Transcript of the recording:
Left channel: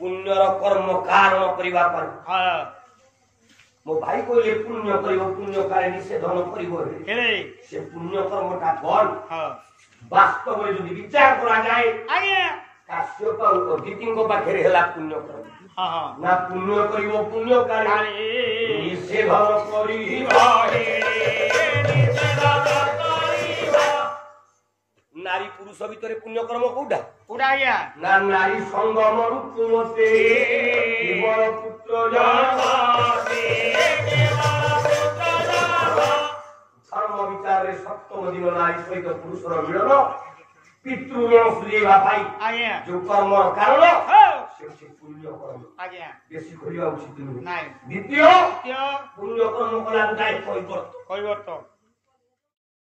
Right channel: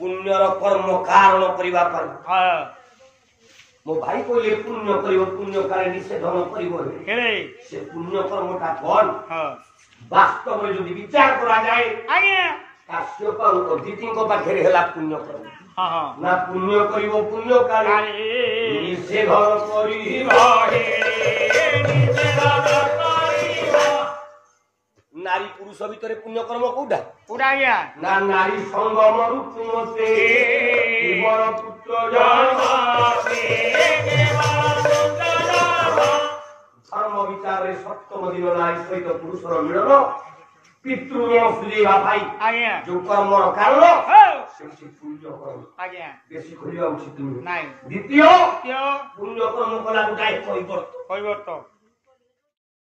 पुण्यर कर्म कारण करबा पाई मो भाई कहले पुण्य करिवो पुण्य करे निषेधन करिवो से पुण्य कर्मटा कोन वास्तव में जो विचार करा जाए आज्ञा काश्यप और अदिति को पाखरे हला पुण्य कर्म ना पुण्य करिवो पुण्य करे निषेधन करिवो हे निषेधन करिवो नारी पुरुष भितर पुण्य कर्म कोडा कोडा आज्ञा ना नारी संगम रूपते केवल पुत्र जाते केवल पुत्र जाते धर्म विचार रे सप्तम दिन नारी सहित पुरुषर मिलन पितृऋण सुझेवा भाई आज्ञा जो कर्म कारण से पुण्य कर्म आज्ञा बेसी खोलिया उचित नहीं द्वितीय पुण्य कर्म कला गुटाए परिवर्तन